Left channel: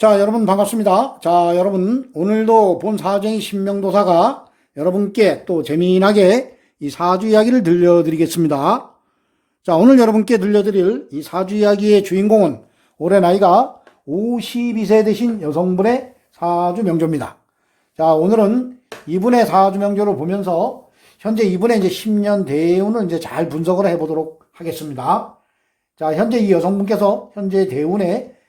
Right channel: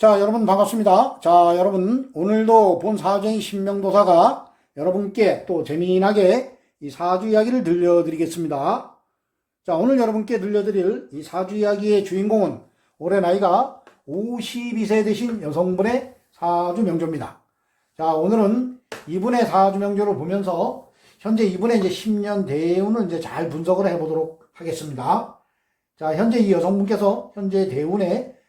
자, 여러분 반갑습니다. 자, 여러분 오늘도 본 사정이 신명도사가 여러분께 또 재미나게 이 사주 이야기를 들려드리겠습니다. 자, 오늘 여러분께 들려드릴 이 사주 이야기의 주인공은 올해 나이가 52세 되신 여성분의 사주 명조입니다. 자, 오늘은 이분의 사주 명조를 보면서 현재 이분의 이제 10년 대운을 이제 잘 분석을 해보도록 하겠습니다. 자, 현재 이 여성분께서 현재 대운에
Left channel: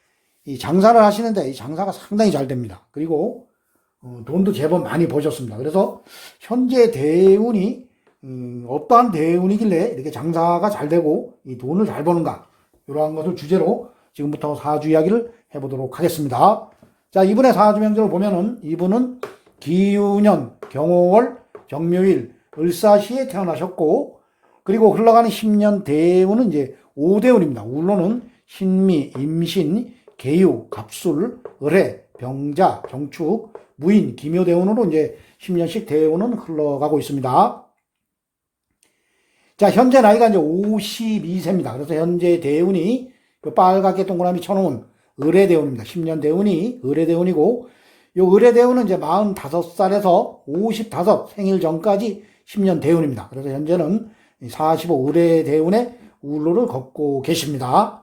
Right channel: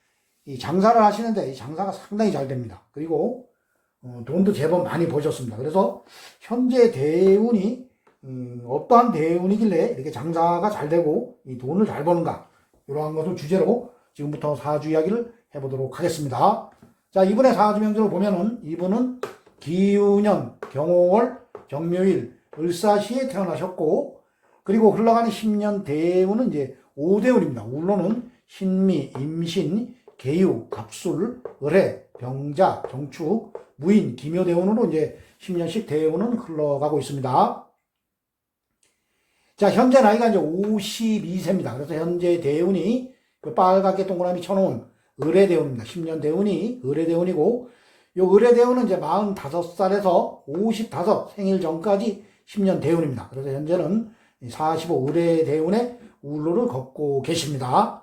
이 장사를 하시는데 이 장사가 상당히 잘 됩니다. 그리고 돈도 제법 많이 버셨습니다. 그래서 현재 대운이 어떠한 대운이길래 이렇게 장사가 잘 되고 이 돈을 잘 버는가, 이러한 것을 주제로 지금부터 사주 이야기를 해보도록 하겠습니다. 자, 이분의 사주 명제를 보면은 이분은 기유년, 경호월, 경묘일, 을사시에 태어나셨고, 그리고 흘러가는 10년 대운은 이제 5대운입니다. 울로는 신미, 임신, 계유, 갑술, 을해, 병자, 경축, 무인, 기묘대운으로 이제 10년씩 대운은 흘러가고 있습니다. 자, 현재 나이가 이제 52세입니다. 그래서 현재 대운이 그 빨갛게 동그라미 쳐놓은 을해대운입니다. 10년 대운이 을해대운이고, 요 을해대운은 이제 45살에서 55 생일 전까지 10년 대운입니다. 그래서 현재는 45 을해대운의 울로를 걷고 계십니다.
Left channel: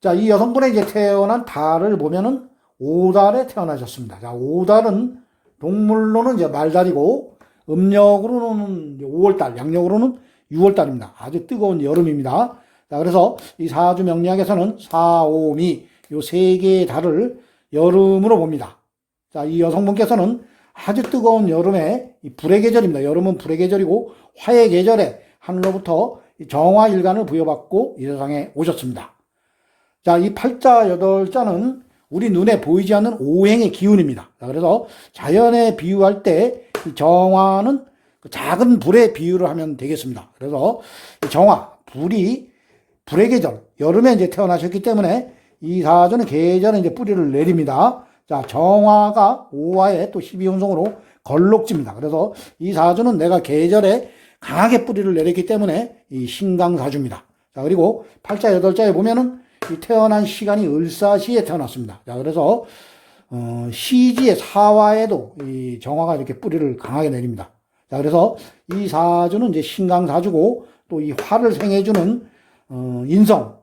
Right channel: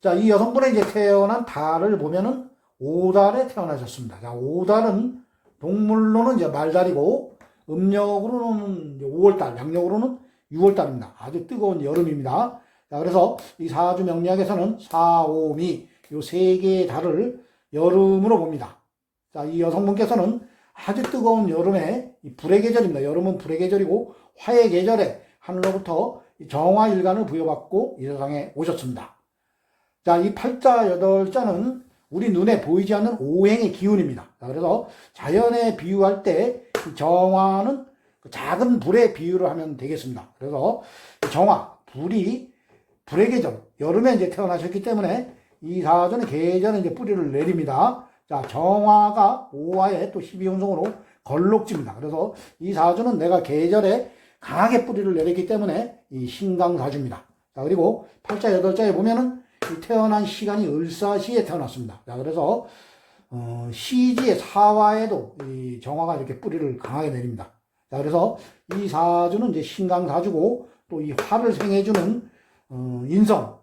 자, 이 여성분의 이제 태어난 달을 보면은 5달에 태어나셨습니다. 자, 5달은 동물로는 이제 말달이고, 음력으로는 5월달, 양력으로는 6월달입니다. 아주 뜨거운 여름입니다. 자, 그래서 이 사주 명리학에서는 4, 5, 미, 요 세 개의 달을 여름으로 봅니다. 자, 이 여성분께서는 아주 뜨거운 여름에 이 불의 계절입니다. 여름은 불의 계절이고, 화의 계절에 하늘로부터 정화일간을 부여받고 이 세상에 오셨습니다. 자, 이 팔자, 여덟자는 우리 눈에 보이지 않는 오행의 기운입니다. 자, 그래서 자연에 비유할 때 이 정화는 작은 불에 비유를 하면 되겠습니다. 그래서 정화, 불이 불의 계절, 여름에 이제 태어나셨기 때문에 이 사주는 계절에 이제 뿌리를 내립니다. 자, 정화가 5화에 또 12운성으로 걸록지입니다. 그래서 이 사주는 내가 계절에 강하게 뿌리를 내렸기 때문에 이 신강사주입니다. 자, 그리고 팔자, 여덟자에 보면은 이 태어난 시간이 을사시에 태어났습니다. 자, 그래서 시지의 사화에도 이 정화가 이렇게 뿌리를 강하게 내립니다. 자, 그래서 이 사주는 이제 신강사주고, 또 이 화를 생해주는 인성,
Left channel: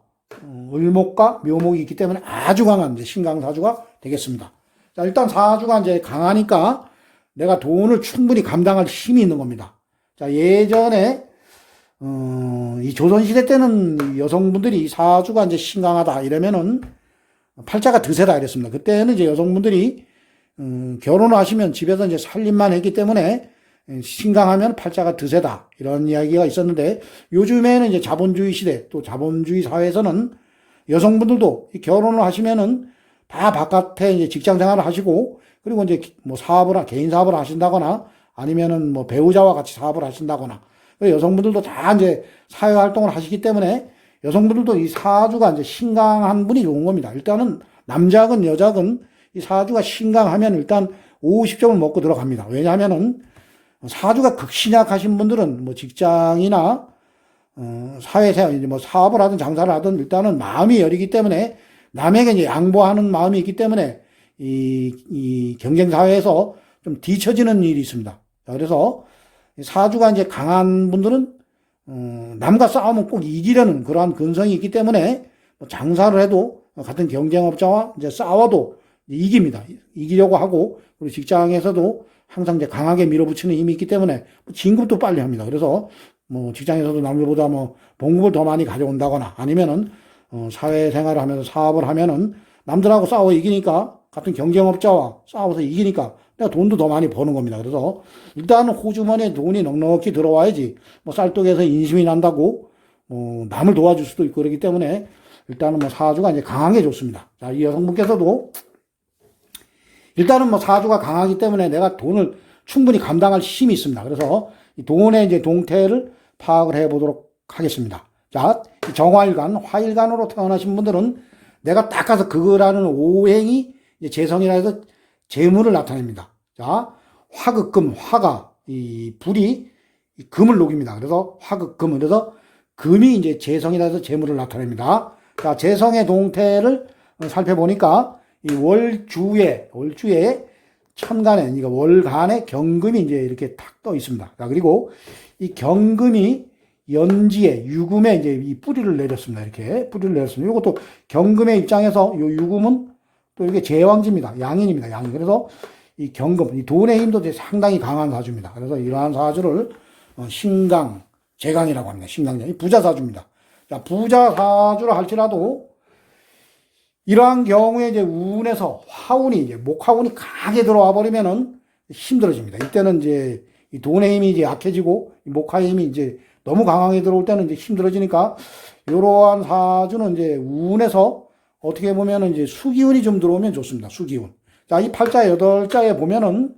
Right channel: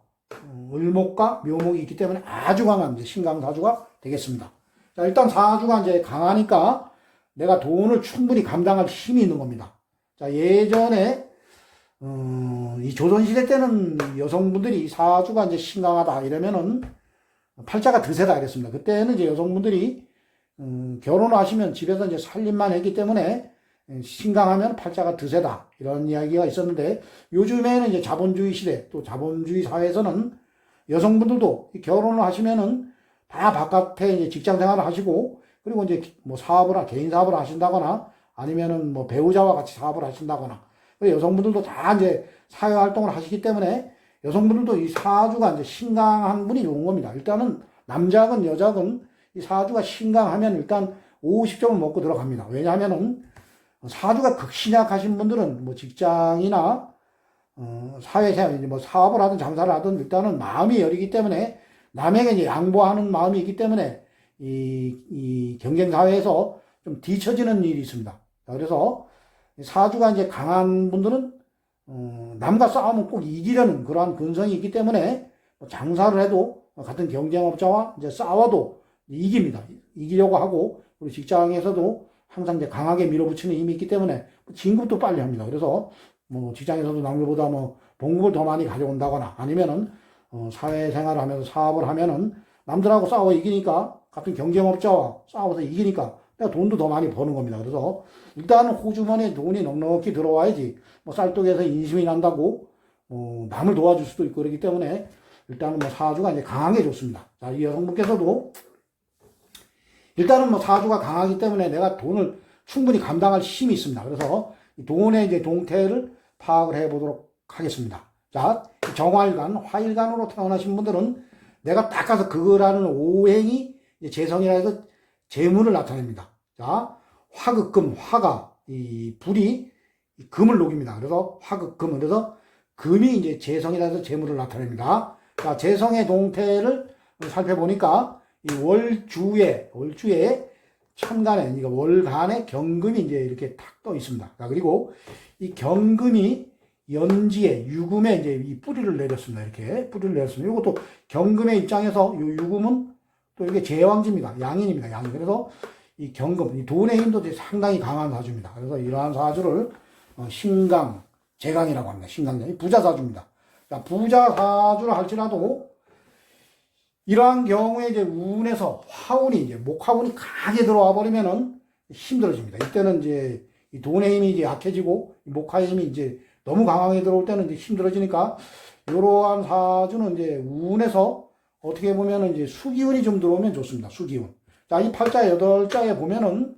을목과 묘목이 있기 때문에 아주 강한 이제 신강사주가 되겠습니다. 자, 일단 사주가 이제 강하니까 내가 돈을 충분히 감당할 힘이 있는 겁니다. 자, 예전에 이 조선시대 때는 여성분들이 사주가 이제 신강하다 이러면은 팔자가 드세다 이랬습니다. 그때는 이제 여성분들이 결혼을 하시면 집에서 이제 살림만 했기 때문에 신강하면 팔자가 드세다 이런 이야기가 있었는데, 요즘에는 이제 자본주의 시대, 또 자본주의 사회에서는 여성분들도 결혼을 하시면은 다 바깥에 이제 직장 생활을 하시고, 그리고 이제 뭐 사업을, 개인 사업을 하신다거나 아니면은 뭐 배우자와 같이 사업을 하신다거나, 여성분들도 다 이제 사회 활동을 하시기 때문에 여성분들도 이 사주가 이제 신강한 분이 좋은 겁니다. 일단은 남자건 여자건 이 사주가 신강하면 일단 50점을 먹고 들어갑니다. 왜냐하면은 사주가 극신약하신 분들은 뭐 직장이나 사회생활, 뭐 사업을 하든 장사를 하든 일단은 마음이 여리기 때문에 남에게 이제 양보하는 마음이 있기 때문에 이 경쟁 사회에서 좀 뒤처지는 일이 있습니다. 자, 그래서 사주가 이제 강한 분들은 남과 싸우면 꼭 이기려는 그러한 근성이 있기 때문에 장사를 해도 같은 경쟁업자와 이제 싸워도 이깁니다. 이기려고 하고, 그리고 직장에서도 항상 이제 강하게 밀어붙이는 힘이 있기 때문에 진급도 빨리 합니다. 그래서 뭐 직장에서도 남들보다 뭐 봉급을 더 많이 가져온다거나, 아니면은 사회생활을 하면서 사업을 하면은 남들하고 싸워 이기니까, 같은 경쟁업자와 싸워서 이기니까 내가 돈도 더 많이 버는 겁니다. 그래서 일단은 호주머니에 돈이 넉넉히 들어와야지 뭐 쌀떡에서 인심이 난다고 남을 도와줄 수도 있고, 그렇기 때문에 일단은 뭐 사주가 이제 강하게 좋습니다. 자, 이 여성분께서도 일단은 뭐 사주가 강하기 때문에 내가 돈을 충분히 감당할 힘이 있습니다. 그래서 이 돈의 이제 동태를 파악을 해보도록 하겠습니다. 자, 정화일간, 화일간으로 태어나신 분들은 내가 딱 가서 그거라는 오행이 이제 재성이라 해서 재물을 나타냅니다. 자, 화극금, 화가 이 불이 이 금을 녹입니다. 그래서 화극금, 그래서 금이 이제 재성이라 해서 재물을 나타냅니다. 자, 재성의 동태를 살펴보니까 이 월주에 천간에, 그러니까 월간에 경금이 이제 이렇게 탁 떠 있습니다. 자, 그리고 이 경금이 연지에, 유금에 이제 이 뿌리를 내렸습니다. 이렇게 뿌리를 내렸습니다. 이것도 경금의 입장에서 이 유금은 또 이게 제왕지입니다. 양인입니다. 양인. 그래서 이 경금, 이 돈의 힘도 이제 상당히 강한 사주입니다. 그래서 이러한 사주를 신강, 재강이라고 합니다. 신강재강. 부자 사주입니다. 자, 부자 사주라 할지라도 이러한 경우에 이제 운에서 화운이 이제 목화운이 강하게 들어와 버리면은 힘들어집니다. 이때는 이제 이 돈의 힘이 이제 약해지고 목화의 힘이 이제 너무 강하게 들어올 때는 이제 힘들어지니까 이러한 사주는 이제 운에서 어떻게 보면은 이제 수기운이 좀 들어오면 좋습니다. 수기운. 자, 이 팔자 여덟 자에 보면은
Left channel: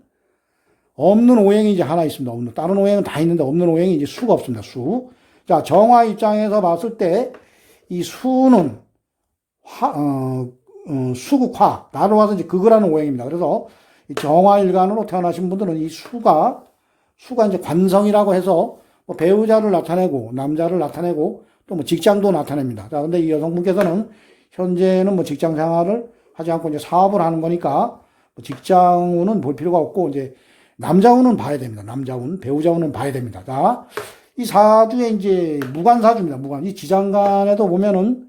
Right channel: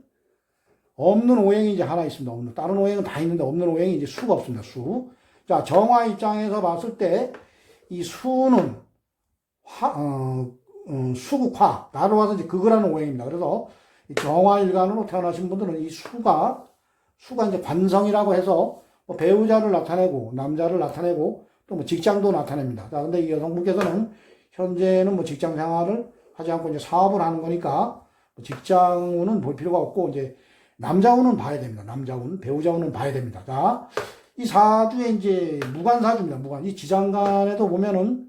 없는 오행이 이제 하나 있습니다. 다른 오행은 다 있는데 없는 오행이 이제 수가 없습니다. 수. 자, 정화 입장에서 봤을 때 이 수는 수국화, 나로 와서 이제 극을하는 오행입니다. 그래서 이 정화일간으로 태어나신 분들은 이 수가 이제 관성이라고 해서 뭐 배우자를 나타내고, 남자를 나타내고, 또 뭐 직장도 나타냅니다. 자, 근데 이 여성분께서는 현재는 뭐 직장 생활을 하지 않고 이제 사업을 하는 거니까 직장운은 볼 필요가 없고, 이제 남자운은 봐야 됩니다. 남자운, 배우자운은 봐야 됩니다. 자, 이 사주에 이제 무관사주입니다. 무관. 이 지장간에도 보면은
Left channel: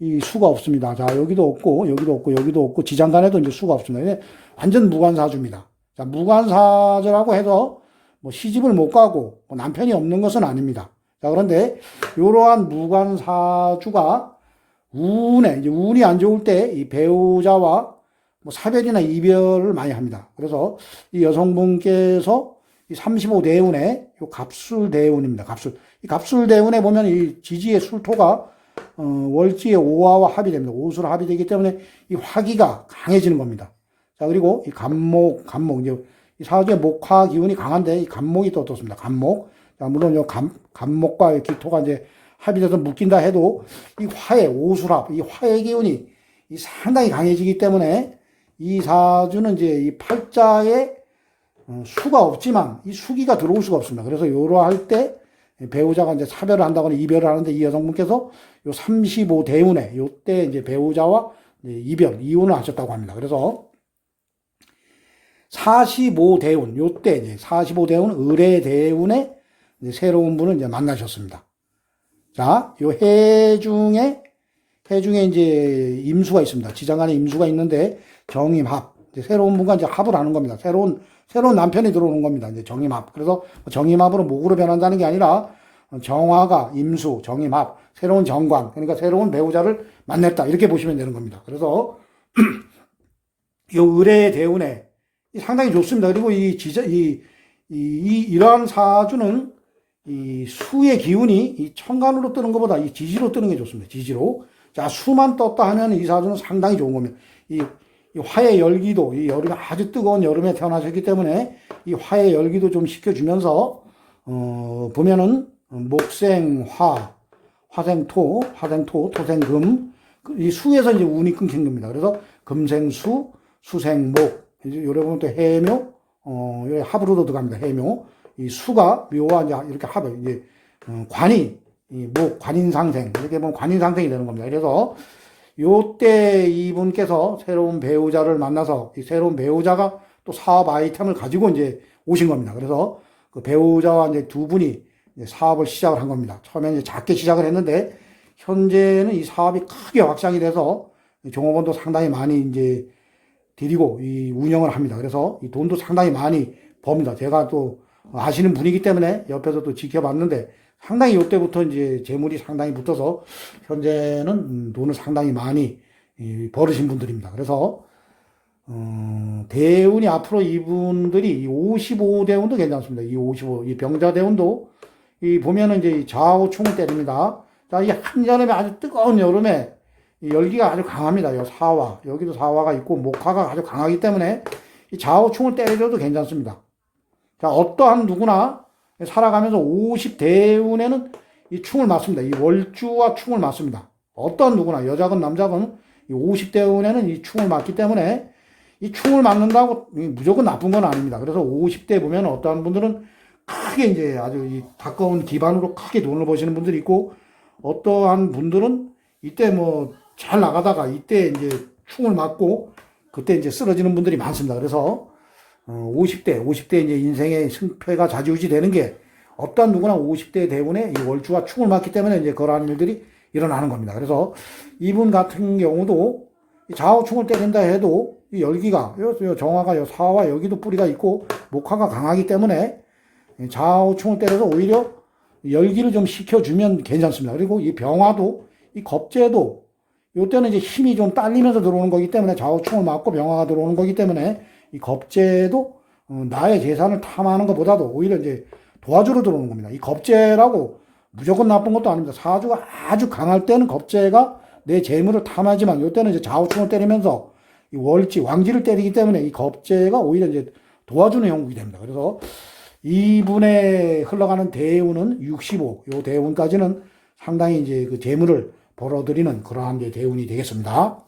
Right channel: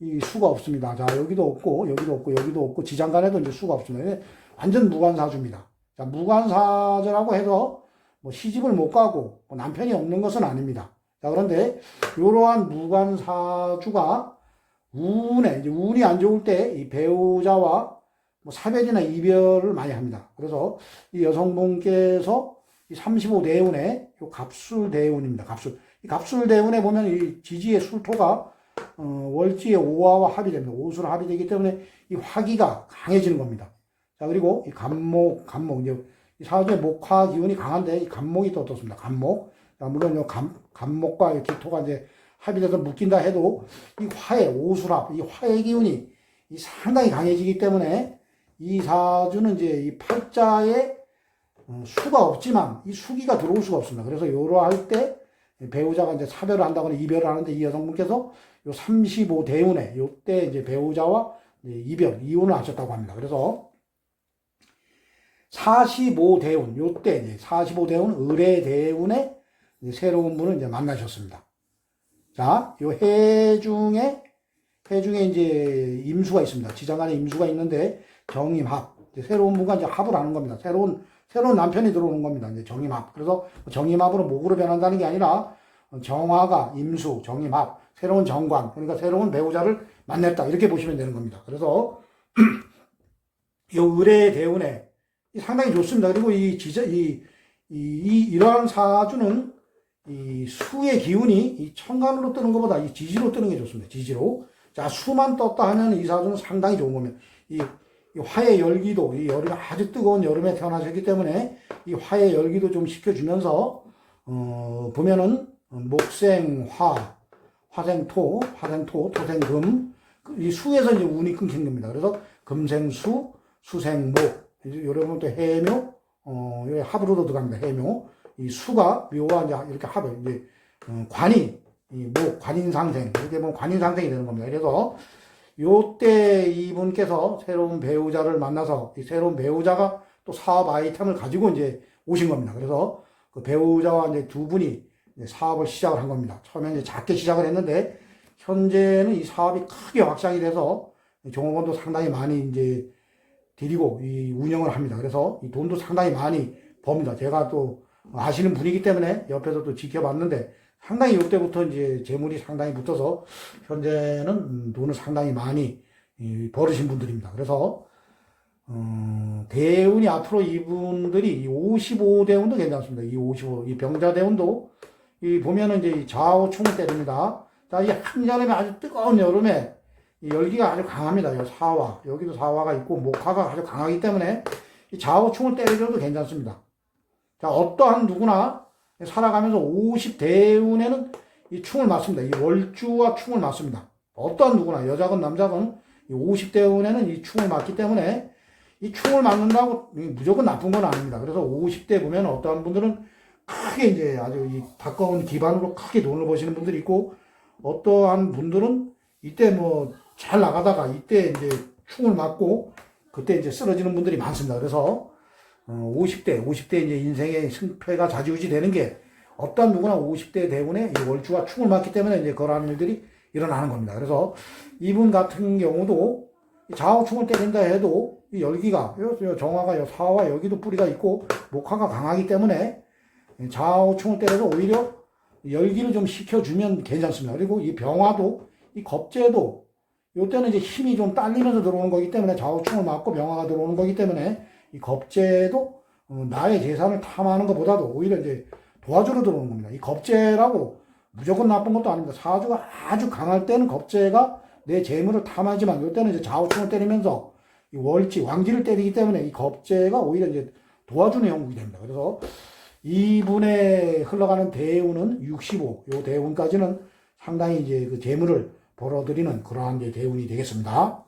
이 수가 없습니다. 자, 여기도 없고, 여기도 없고, 여기도 없고, 지장간에도 이제 수가 없습니다. 완전 무관사주입니다. 자, 무관사주라고 해서 뭐 시집을 못 가고 뭐 남편이 없는 것은 아닙니다. 자, 그런데 이러한 무관사주가 이제 운이 안 좋을 때 이 배우자와 뭐 사별이나 이별을 많이 합니다. 그래서 이 여성분께서 이 35대운에 이 갑술대운입니다. 이 갑술대운에 보면 이 지지의 술토가 월지의 오화와 합이 됩니다. 오수로 합이 되기 때문에 이 화기가 강해지는 겁니다. 자, 그리고 이 간목, 이제 이 사주의 목화 기운이 강한데 이 간목이 또 어떻습니다. 간목. 자, 물론 이 간목과 이 기토가 이제 합이 돼서 묶인다 해도 이 화의 오수합, 이 화의 기운이 이 상당히 강해지기 때문에 이 사주는 이제 이 팔자에 수가 없지만 이 수기가 들어올 수가 없습니다. 그래서 요러할 때 배우자가 이제 사별을 한다거나 이별을 하는데 이 여성분께서 요 35대운에 요때 이제 배우자와 이혼을 하셨다고 합니다. 그래서 45대운 요때 이제 45대운 을의대운에 새로운 분을 이제 만나셨습니다. 자, 요 해중에 이제 임수가 있습니다. 지장간에 임수가 있는데 정임합. 새로운 분과 이제 합을 하는 겁니다. 새로운 남편이 들어오는 겁니다. 이제 정임합. 그래서 정임합으로 목으로 변한다는 게 아니라 정화가 임수, 정임합, 새로운 정관, 그러니까 새로운 배우자를 만났다. 이렇게 보시면 되는 겁니다. 그래서 요 을의 대운에 상당히 좋습니다. 그리고 이러한 사주는 이 수의 기운이 이 천간으로 뜨는 것보다 이 지지로 뜨는 게 좋습니다. 지지로. 자, 수만 떴다 하면 이 사주는 상당히 좋은 겁니다. 이 화의 열기도, 이 여름에 아주 뜨거운 여름에 태어나셨기 때문에 이 화의 열기도 좀 식혀주면서, 보면은 목생화, 화생토, 토생금, 이 수에서 이제 운이 끊긴 겁니다. 그래서 금생수, 수생목, 이제 요래 보면 또 해묘, 합으로도 들어갑니다. 해묘. 이 수가 묘와 이제 이렇게 합을, 이제, 관이, 관인상생, 이렇게 보면 관인상생이 되는 겁니다. 그래서 요때 이분께서 새로운 배우자를 만나서 이 새로운 배우자가 또 사업 아이템을 가지고 이제 오신 겁니다. 그래서 그 배우자와 이제 두 분이 이제 사업을 시작을 한 겁니다. 처음에 이제 작게 시작을 했는데 현재는 이 사업이 크게 확장이 돼서 종업원도 상당히 많이 이제 데리고 이 운영을 합니다. 그래서 이 돈도 상당히 많이 법니다. 제가 또 아시는 분이기 때문에 옆에서 또 지켜봤는데 상당히 이때부터 이제 재물이 상당히 붙어서 현재는 돈을 상당히 많이 벌으신 분들입니다. 그래서 대운이 앞으로 이분들이 55대운도 괜찮습니다. 이 병자대운도 보면은 이제 좌우충을 때립니다. 자, 이 한여름에 아주 뜨거운 여름에 이 열기가 아주 강합니다. 이 사화, 여기도 사화가 있고 목화가 아주 강하기 때문에 이 좌우충을 때려도 괜찮습니다. 자, 어떠한 누구나 살아가면서 50대운에는 이 충을 맞습니다. 이 월주와 충을 맞습니다. 어떤 누구나 여자건 남자건 이 50대운에는 이 충을 맞기 때문에 이 충을 맞는다고 무조건 나쁜 건 아닙니다. 그래서 50대 보면 어떠한 분들은 크게 이제 아주 이 가까운 기반으로 크게 돈을 버시는 분들이 있고 어떠한 분들은 이때 뭐 잘 나가다가 이때 이제 충을 맞고 그때 이제 쓰러지는 분들이 많습니다. 그래서 50대 이제 인생의 승패가 좌지우지 되는 게 어떤 누구나 50대 대운에 이 월주가 축을 맞기 때문에 이제 그러한 일들이 일어나는 겁니다. 그래서 이분 같은 경우도 좌우충을 때린다 해도 이 열기가 요 정화가 요 사와 여기도 뿌리가 있고 목화가 강하기 때문에 좌우충을 때려도 오히려 열기를 좀 식혀주면 괜찮습니다. 그리고 이 병화도 이 겁재도 요때는 이제 힘이 좀 딸리면서 들어오는 거기 때문에 좌우충을 맞고 병화가 들어오는 거기 때문에 이 겁재도 나의 재산을 탐하는 것보다도 오히려 이제 도와주러 들어오는 겁니다. 이 겁재라고 무조건 나쁜 것도 아닙니다. 사주가 아주 강할 때는 겁재가 내 재물을 탐하지만 요때는 이제 좌우충을 때리면서 이 월지, 왕지를 때리기 때문에 이 겁재가 오히려 이제 도와주는 형국이 됩니다. 그래서 이분의 흘러가는 대운은 65, 요 대운까지는 상당히 이제 그 재물을 벌어들이는 그러한 게 대운이 되겠습니다.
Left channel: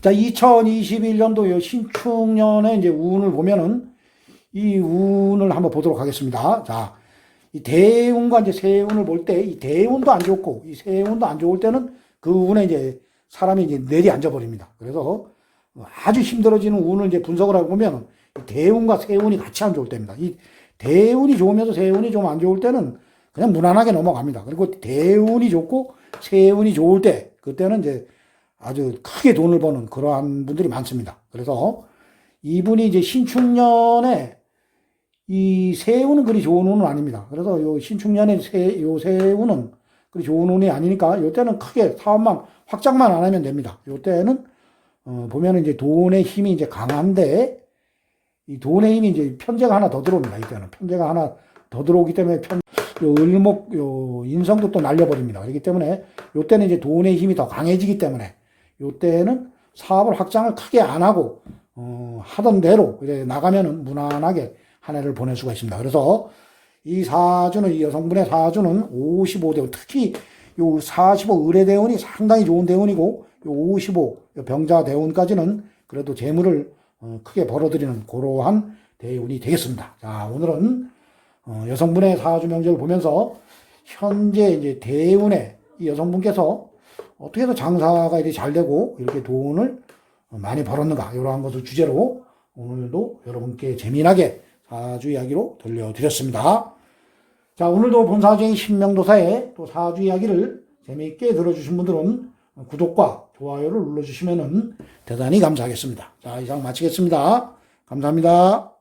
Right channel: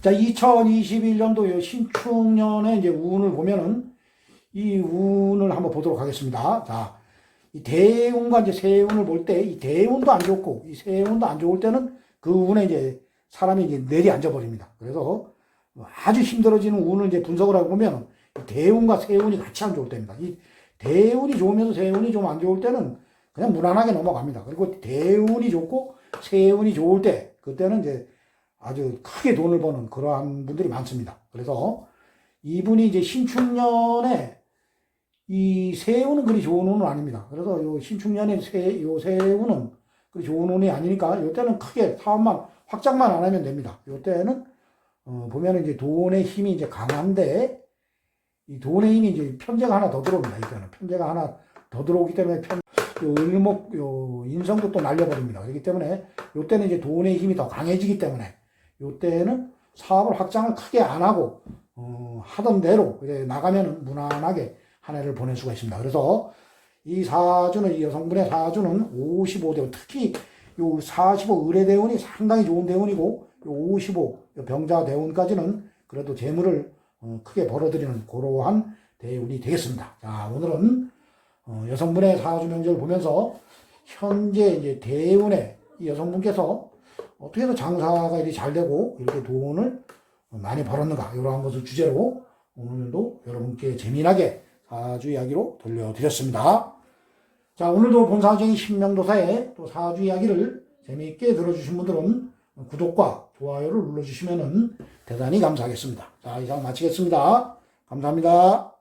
자, 2021년도 요 신축년의 이제 운을 보면은 이 운을 한번 보도록 하겠습니다. 자, 이 대운과 이제 세운을 볼 때 이 대운도 안 좋고 이 세운도 안 좋을 때는 그 운에 이제 사람이 이제 내리앉아 버립니다. 그래서 아주 힘들어지는 운을 이제 분석을 하고 보면 대운과 세운이 같이 안 좋을 때입니다. 이 대운이 좋으면서 세운이 좀 안 좋을 때는 그냥 무난하게 넘어갑니다. 그리고 대운이 좋고 세운이 좋을 때 그때는 이제 아주 크게 돈을 버는 그러한 분들이 많습니다. 그래서 이분이 이제 신축년에 이 세운은 그리 좋은 운은 아닙니다. 그래서 요 신축년에 요 세운은 그리 좋은 운이 아니니까 요때는 크게 사업만 확장만 안 하면 됩니다. 요때는 보면은 이제 돈의 힘이 이제 강한데 이 돈의 힘이 이제 편제가 하나 더 들어옵니다. 이때는 편제가 하나 더 들어오기 때문에 요 을목 요 인성도 또 날려버립니다. 그렇기 때문에 요때는 이제 돈의 힘이 더 강해지기 때문에 요때는 사업을 확장을 크게 안 하고 하던 대로 이제 나가면은 무난하게 한 해를 보낼 수가 있습니다. 그래서 이 사주는, 이 여성분의 사주는 55대운, 특히 요 45 의뢰대운이 상당히 좋은 대운이고, 요 55 병자대운까지는 그래도 재물을 크게 벌어들이는 그러한 대운이 되겠습니다. 자, 오늘은 여성분의 사주 명제를 보면서 현재 이제 대운에 이 여성분께서 어떻게 해서 장사가 이렇게 잘 되고 이렇게 돈을 많이 벌었는가, 이러한 것을 주제로 오늘도 여러분께 재미나게 사주 이야기로 들려드렸습니다. 자, 오늘도 본사주의 신명도사의 또 사주 이야기를 재미있게 들어주신 분들은 구독과 좋아요를 눌러주시면 대단히 감사하겠습니다. 자, 이상 마치겠습니다. 감사합니다.